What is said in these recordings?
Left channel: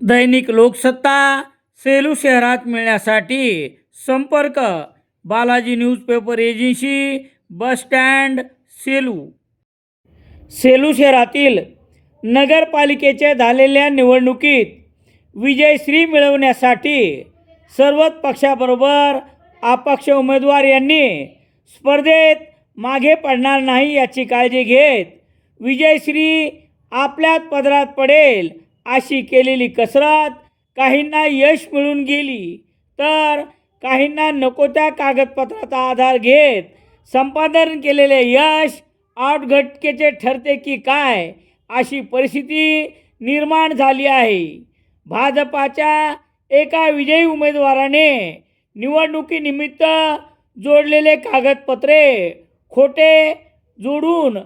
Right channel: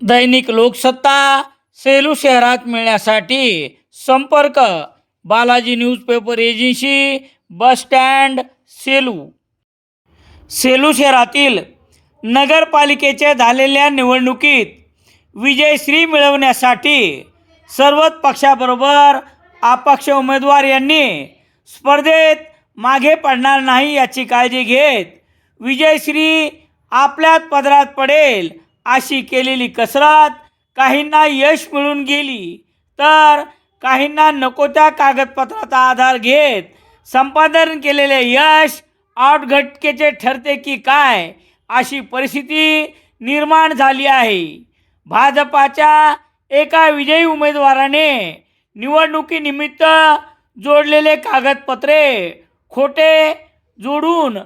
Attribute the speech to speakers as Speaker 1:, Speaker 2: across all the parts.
Speaker 1: दैनिक लोकसत्ता सेलू शहरात मिळण्यासाठी संपर्क Balaji newspaper agency bus stand Selu. Selu शहरातील नगरपालिकेच्या झालेल्या निवडणुकीत विजयश्री मिळवण्यासाठी सर्वच पक्षाबरोबर अपक्ष उमेदवार यांनी स्पर्धेत मागे पडणार नाही याची काळजी घेत विजयश्री आपल्याच पदरात पडेल अशी केलेली कसरत काहींना यश मिळून गेली तर काहींना नको त्या कागदपत्राचा आधार घेत संपादन केलेले यश आउटघटकेचे ठरते की काय अशी परिस्थिती निर्माण झाली आहे. भाजपाच्या एका विजयी उमेदवाराने निवडणुकीनिमित्त जोडलेले कागदपत्रे खोटे जोडून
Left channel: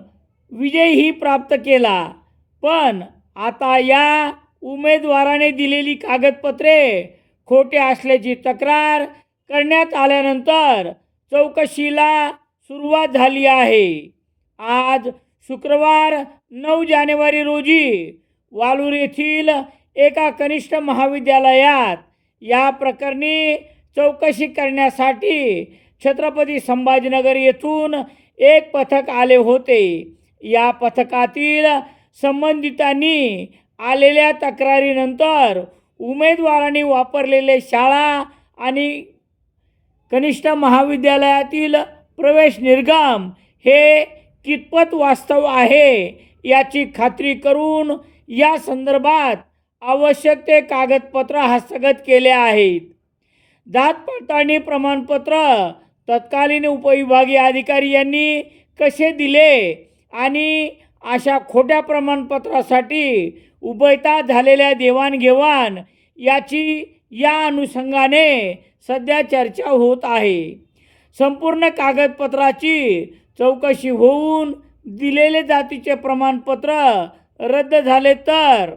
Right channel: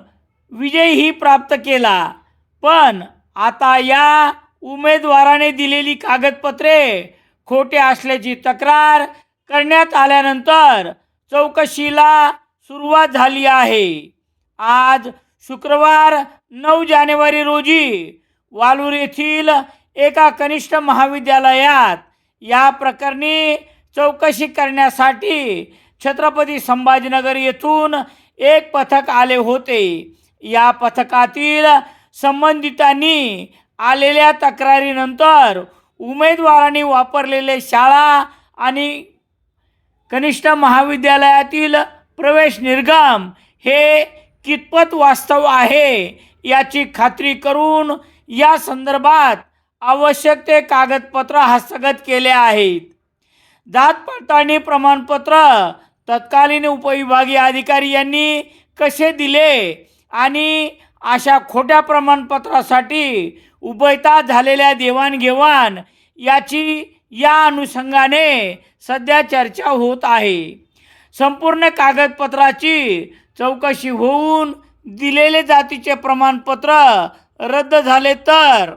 Speaker 1: विजयही प्राप्त केला. पण आता या उमेदवाराने दिलेली कागदपत्रे खोटे असल्याची तक्रार करण्यात आल्यानंतर चौकशीला सुरुवात झाली आहे. आज शुक्रवार नऊ जानेवारी रोजी वालूर येथील एका कनिष्ठ महाविद्यालयात या प्रकरणी चौकशी करण्यासाठी छत्रपती संभाजीनगर येथून एक पथक आले होते. या पथकातील संबंधितांनी आलेल्या तक्रारीनंतर उमेदवारांनी वापरलेले शाळा आणि कनिष्ठ महाविद्यालयातील प्रवेश निर्गम हे कितपत वास्तव आहे याची खात्री करून या संदर्भात आवश्यक ते कागदपत्र हस्तगत केले आहेत. जात पडताळणी प्रमाणपत्र तत्कालीन उपविभागीय अधिकारी यांनी कसे दिले आणि अशा खोट्या प्रमाणपत्रासाठी उभयता झालेल्या देवाणघेवाण याची या अनुषंगाने सध्या चर्चा होत आहे. संपूर्ण कागदपत्राची चौकशी होऊन दिलेले जातीचे प्रमाणपत्र रद्द झाले तर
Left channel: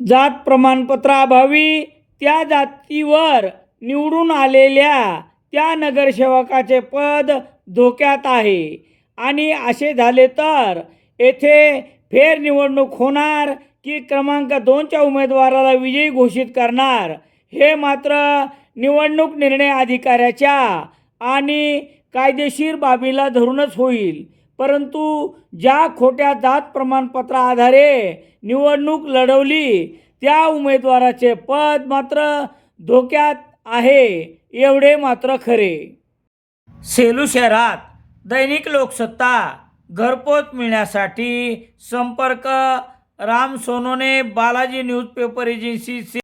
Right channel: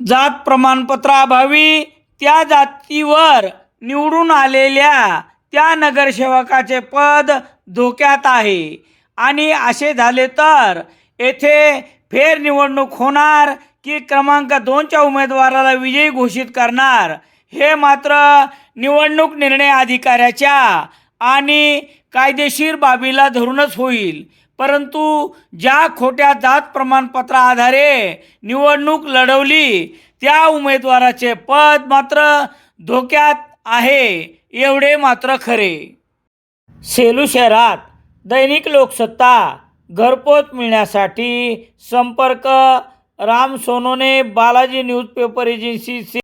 Speaker 1: जात प्रमाणपत्राअभावी त्या जातीवर निवडून आलेल्या त्या नगरसेवकाचे पद धोक्यात आहे. आणि असे झाले तर येथे फेरनिवडणूक होणार की क्रमांक दोनच्या उमेदवाराला विजयी घोषित करणार? हे मात्र निवडणूक निर्णय अधिकाऱ्याच्या आणि कायदेशीर बाबीला धरूनच होईल. परंतु ज्या खोट्या जात प्रमाणपत्रा आधारे निवडणूक लढवली त्या उमेदवाराचे पद मात्र धोक्यात आहे एवढे मात्र खरे. सेलू शहरात दैनिक लोकसत्ता घरपोच मिळण्यासाठी संपर्क राम सोनोने बालाजी न्यूजपेपर एजन्सी